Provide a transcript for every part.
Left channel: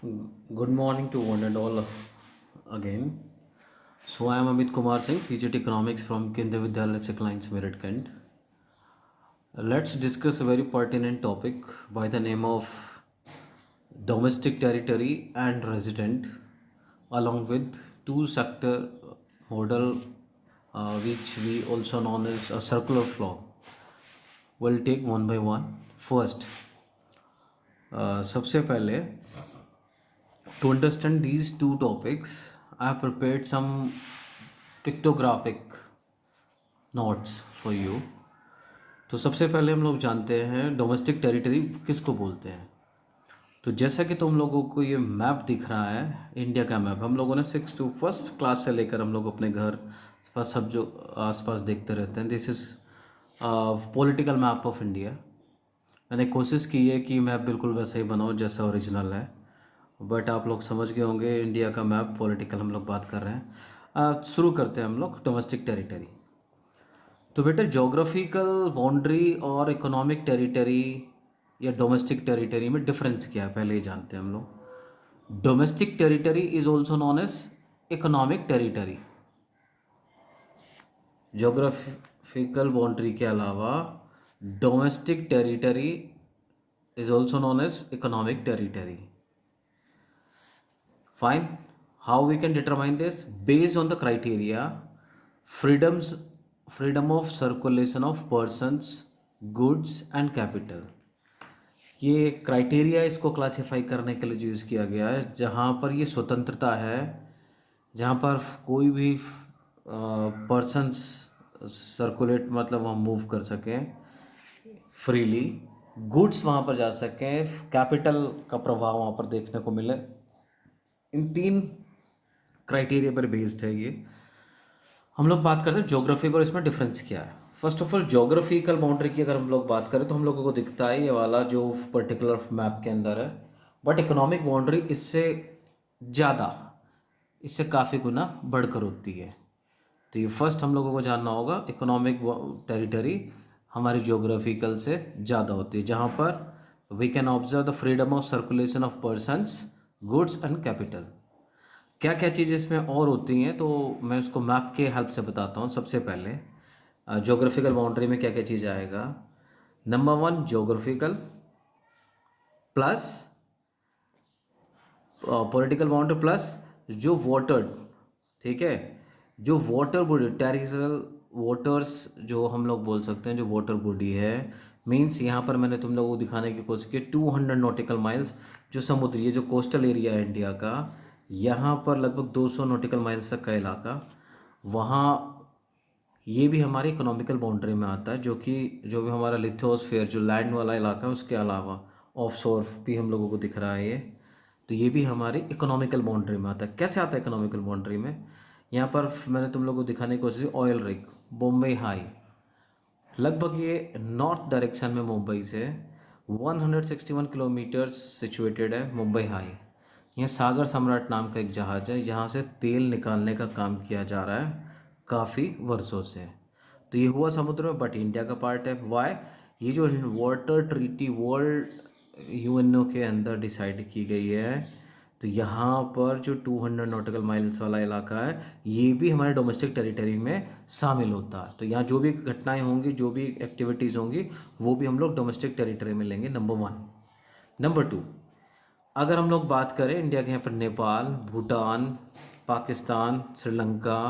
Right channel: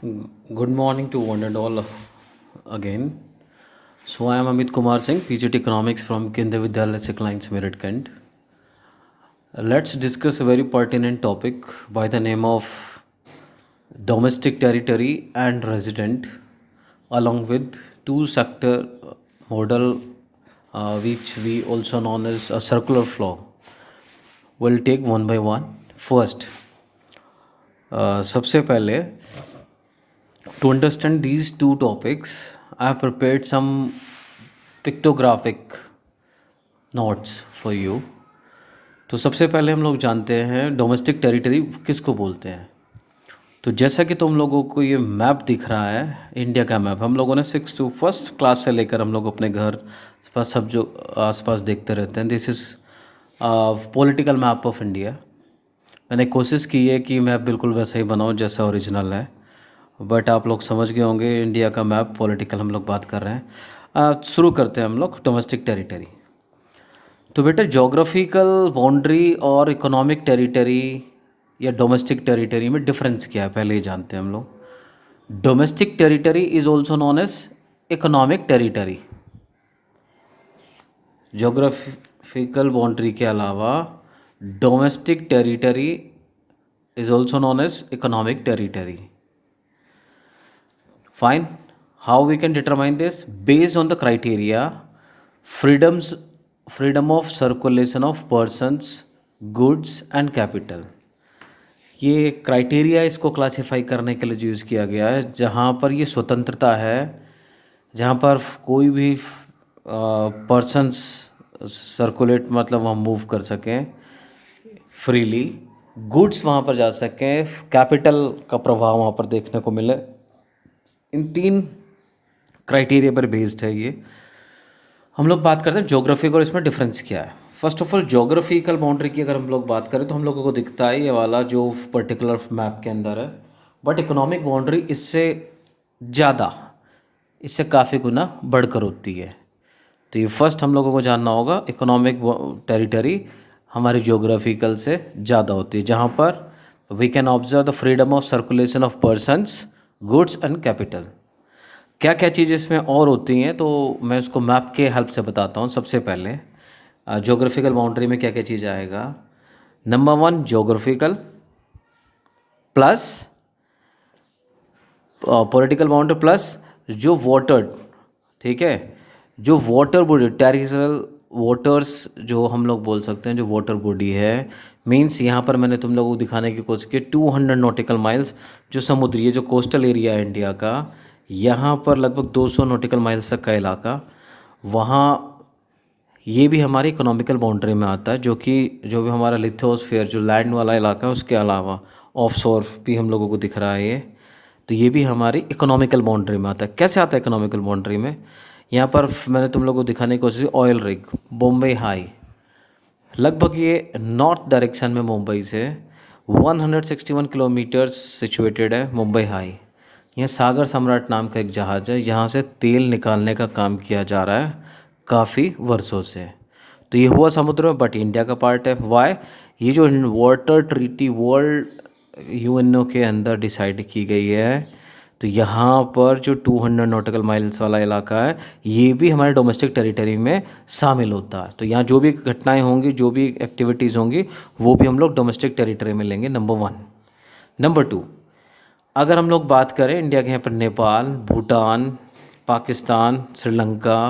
Good morning to one and all again. So I am Amit Kumar Singh, PGT Economics from Kendra Vidyalaya Seclines Merit Kent. Let's discuss a very pertinent topic by the name of domestic territory and resident, along with two sector model, which we also known as a circular flow. We'll take one by one. First, सबसे पहले to understand these two topics, I have prepared some pictographic notes for you. तो सबसे पहले हम लोग जानते हैं domestic territory किसको बोलते हैं। तो जैसा कि तुम लोगों को ये मैप दिख रहा है, इंडिया का मैप हम लोगों ने सिक्स टू फर्स्ट क्लास से लेकर हम लोग अपने घर पास सब जो आसपास देखते रहते हैं। This is political map of India. मैंने कोशिश की है कि मैप बिल्कुल वैसा ही बनाऊँ जैसा ओरिजिनल है, बट आप लोग समझ गए होंगे इंडिया का मैप पॉलिटिकल हम लोग बात कर रहे हैं। शुरू करते हैं हम लोग डोमेस्टिक टेरिटरी। तो बेटा जोग्राफिकल बाउंड्री और इकोनॉमिक टेरिटरी या डोमेस्टिक टेरिटरी में डिफरेंस क्या है, पहले ही जानते हैं हम लोग। Domestic territory is also known as economic territory. Geographical boundary के अलावा domestic territory is also known as economic territory. Fine. How we can determine this? Based on the criteria, freedom of circulation of persons, goods and capital. ये criteria इसको classify करने के लिए जो use किया गया है, जहाँ पर ये स्वतंत्रता है, जहाँ पर कोई भी पर्सन्स सर्कुलेट मतलब हम मूव कर सकें फ्रीली, गुड्स वहाँ पर जा सकें, कैपिटल का प्रभाव वहाँ पर देखने को मिले। इन तीन क्राइटेरिया पर बेस्ड है ये। हम लोग बात करते हैं ज्योग्राफिक और इसमें डिफरेंस क्या है। First of all geographical boundary की अगर हम लोग बात करें तो हम लोगों को दिखता है ये वाला जो पर्टिकुलर मैप के अंदर है, बट इकोनॉमिक बाउंड्री इससे ज़्यादा, इससे काफ़ी गुना बढ़कर होती है। तो ये फर्स्ट हम लोगों को जानना होगा, इकोनॉमिक टेरिटरी हमारी ज्योग्राफिकल से ज़्यादा होती है, जहाँ पर we can observe the freedom of circulation of persons, goods and capital. क्या क्या चीज़ें इसमें और होती हैं तो मैं उसको मैप के हेल्प से बताता हूँ। सबसे पहले ज्योग्राफिकल बाउंड्री में क्या क्या चीज़ आएगा। Number one geographical plus political boundary plus जो वाटर, ठीक है, जो वाटर बॉडी टेरिटोरियल वाटर्स जो हम लोग बोल सकते हैं, जो वाटर बॉडी है, मीन्स यहाँ पर मैंने तुम लोगों को दिखाने की कोशिश की 200 नॉटिकल माइल्स जो समुद्री है, जो कोस्टल एरिया है इंडिया का, यहाँ पर लगभग 200 नॉटिकल माइल्स तक का इलाका, वहाँ ये भी हमारी इकोनॉमिकल बाउंड्री में आता है, जो कि जो भी हमारा लिथोस्फीयर जो लैंड वाला इलाका है उसके अलावा ऑफ शोर भी हम लोगों को दिख रहा है ये, तो ये भी हमारी इकोनॉमिकल बाउंड्री में आता है। कैसे आता है इकोनॉमिकल बाउंड्री में? यहाँ पर मैंने तुम लोगों को दिखाने की कोशिश की ऑयल रिग बॉम्बे हाई, लगभग ये नॉर्थ डायरेक्शन में मुंबई से 161 किलोमीटर्स सिचुएटेड है मुंबई हाई। यह सागर सम्राट नाम का एक जहाज़ है, यहाँ से तेल निकालने का काम किया जा रहा है काफ़ी वर्षों से। तो ये हुआ समुद्र में, बट इंडिया का पार्ट है। वाई? ये जो वाटर ट्रीटी वर्ल्ड यूएनओ के अंदर डिसाइड की गई है, तो यहाँ पर जो 200 नॉटिकल माइल्स वाला इलाका है ये भी हमारे डोमेस्टिक टेरिटरी में शामिल होता है। तो यहाँ जो भी घटनाएं होंगी, जो भी एक्टिविटीज़ होंगी, वो भी हम लोग डोमेस्टिक टेरिटरी में लेंगे। Number one. नंबर टू, अगर हम लोग बात करें इंडिया के यहाँ पर नेपाल, भूटान, पाकिस्तान, श्रीलंका,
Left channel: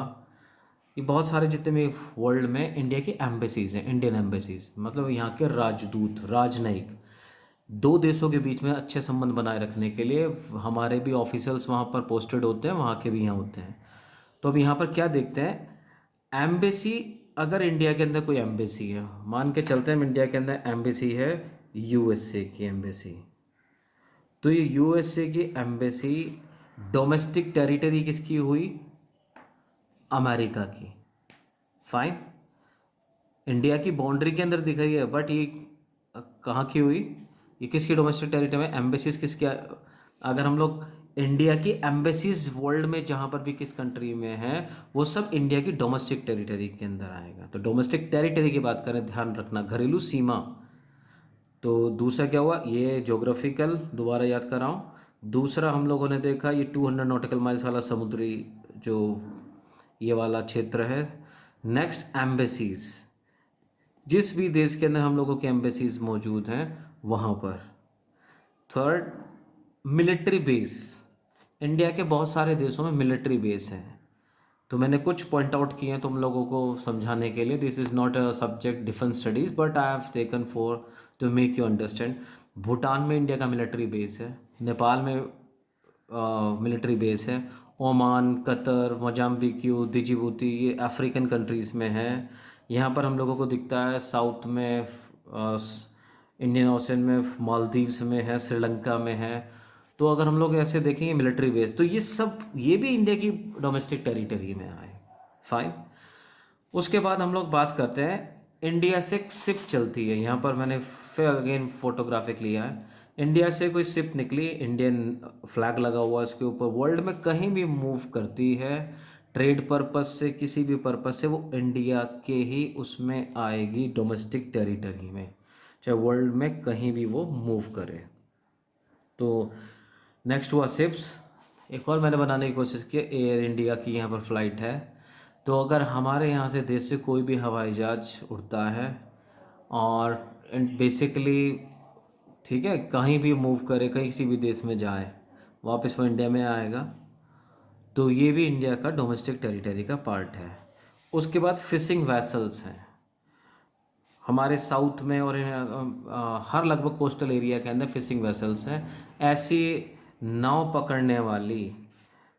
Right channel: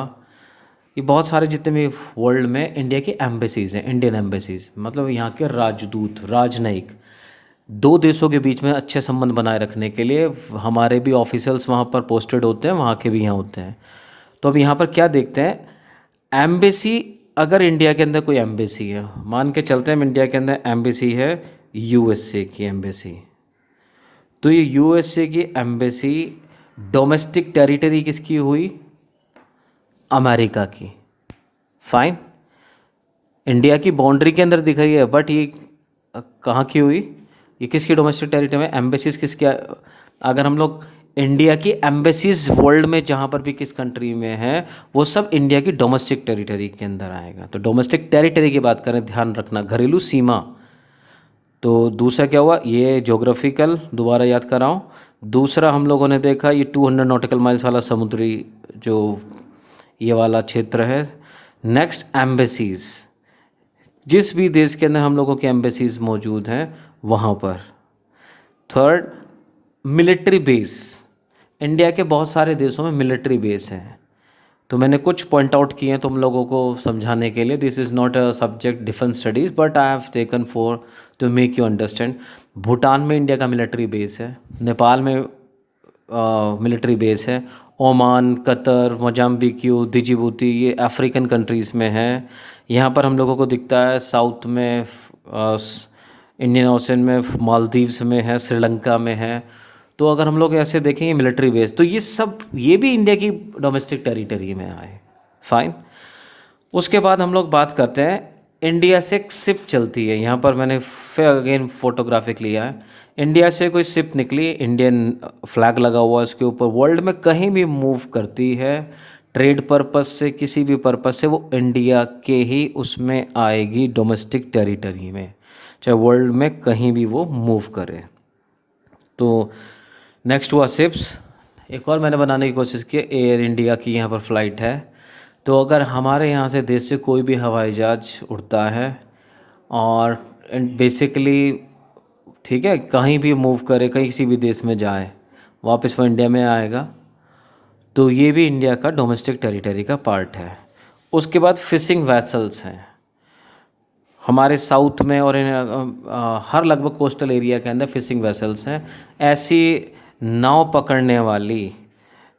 ये बहुत सारे जितने भी वर्ल्ड में इंडिया की एम्बेसीज़ हैं, इंडियन एम्बेसीज़ मतलब यहाँ के राजदूत, राजनयिक, दो देशों के बीच में अच्छे संबंध बनाए रखने के लिए हमारे भी ऑफिसल्स वहाँ पर पोस्टेड होते हैं, वहाँ के भी यहाँ होते हैं। तो अब यहाँ पर क्या देखते हैं, एम्बेसी, अगर इंडिया के अंदर कोई एम्बेसी है, मान के चलते हैं इंडिया के अंदर एम्बेसी है यूएसए की एम्बेसी, तो ये यूएसए की एम्बेसी डोमेस्टिक टेरिटरी किसकी हुई? अमेरिका की। फाइन, इंडिया की बाउंड्री के अंदर दिख रही है, बट ये कहाँ की हुई? ये किसकी डोमेस्टिक टेरिटरी में? एम्बेसीज किसके? अगर हम लोग इंडिया की एम्बेसीज वर्ल्ड में जहाँ पर भी किस कंट्री में है, वो सब इंडिया की डोमेस्टिक टेरिटरी के अंदर आएगा। तो डोमेस्टिक टेरिटरी की बात करें, ध्यान रखना, घरेलू सीमा, तो दूसरा क्या हुआ, ये जोग्राफिकल दोबारा याद कर रहा हूँ। दूसरा हम लोगों ने देखा ये 200 नॉटिकल माइल्स वाला समुद्री जो ये वाला क्षेत्र है। नेक्स्ट एम्बेसीज, जिस भी देश के अंदर हम लोगों की एम्बेसीज मौजूद हैं वहाँ पर। थर्ड, मिलिट्री बेस, इंडिया के बहुत सारे देशों में मिलिट्री बेस हैं। तो मैंने कुछ पॉइंट आउट किए हैं तुम लोगों को समझाने के लिए। This is not a subject defence studies but I have taken for to make you understand. Bhutan में इंडिया का मिलिट्री बेस है, नेपाल में मिलिट्री बेस है, ओमान, कतर, मोजाम्बिक, डिजिबूती, ये अफ्रीकन कंट्रीज़ में है। यहाँ पर हम लोगों को दिखता है साउथ में, इंडियन ओशन में, मालदीव्स में है, श्रीलंका में है। तो अगर हम लोग ऐसे देखेंगे मिलिट्री बेस, तो ये सब ये भी इंडिया की डोमेस्टिक टेरिटरी में आए। फाइन। उसके बाद हम लोग बात करते हैं, इंडिया से एक शिप चलती है। यहाँ पर मैंने फिर अगेन फोटोग्राफिक लिया है। इंडिया से कोई शिप निकली, इंडियन फ्लैग लगा हुआ है उसके ऊपर, वर्ल्ड में कहीं भी मूव करती है ट्रेड पर्पस से, किसी भी पर्पस से, वो इंडिया के ही उसमें आएगी, डोमेस्टिक टेरिटरी में, चाहे वर्ल्ड में कहीं भी वो मूव करे। तो नेक्स्ट हुआ शिप्स। एक और मैंने बनाने की कोशिश की, एयर इंडिया की यहाँ पर फ़्लाइट है। तो अगर हमारे यहाँ से देश से कोई भी हवाई जहाज उड़ता है और बेसिकली, ठीक है, कहीं भी मूव करे, कहीं किसी भी देश में जाए, वापस वो इंडिया में आएगा, तो ये भी इंडिया का डोमेस्टिक टेरिटरी का पार्ट है। उसके बाद फिशिंग वैसल्स हैं हमारे साउथ में और हर लगभग कोस्टल एरिया के अंदर फिशिंग वेसल्स हैं। ऐसी नाव पकड़ने वाली,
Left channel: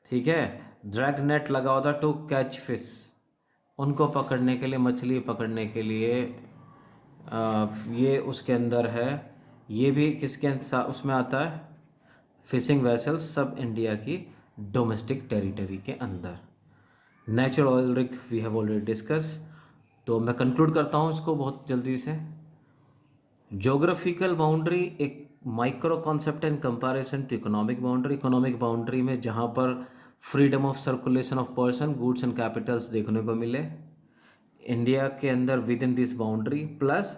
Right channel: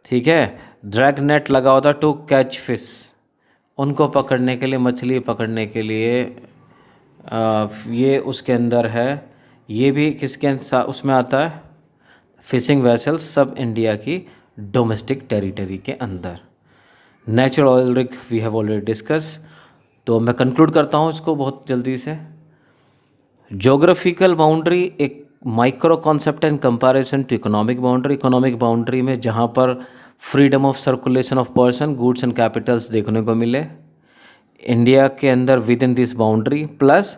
ठीक है, ड्रैग नेट लगा होता टू कैच फिश, उनको पकड़ने के लिए, मछली पकड़ने के लिए, ये उसके अंदर है। ये भी उसमें आता है, फिशिंग वेसल्स सब इंडिया की डोमेस्टिक टेरिटरी के अंदर। Natural oil rig we have already discuss. तो मैं कंक्लूड करता हूँ इसको बहुत जल्दी से। ज्योग्राफिकल बाउंड्री एक micro concept in comparison to economic boundary. Economic boundary में जहाँ पर freedom of circulation of person, goods and capitals देखने को मिले इंडिया के अंदर within this boundary, plus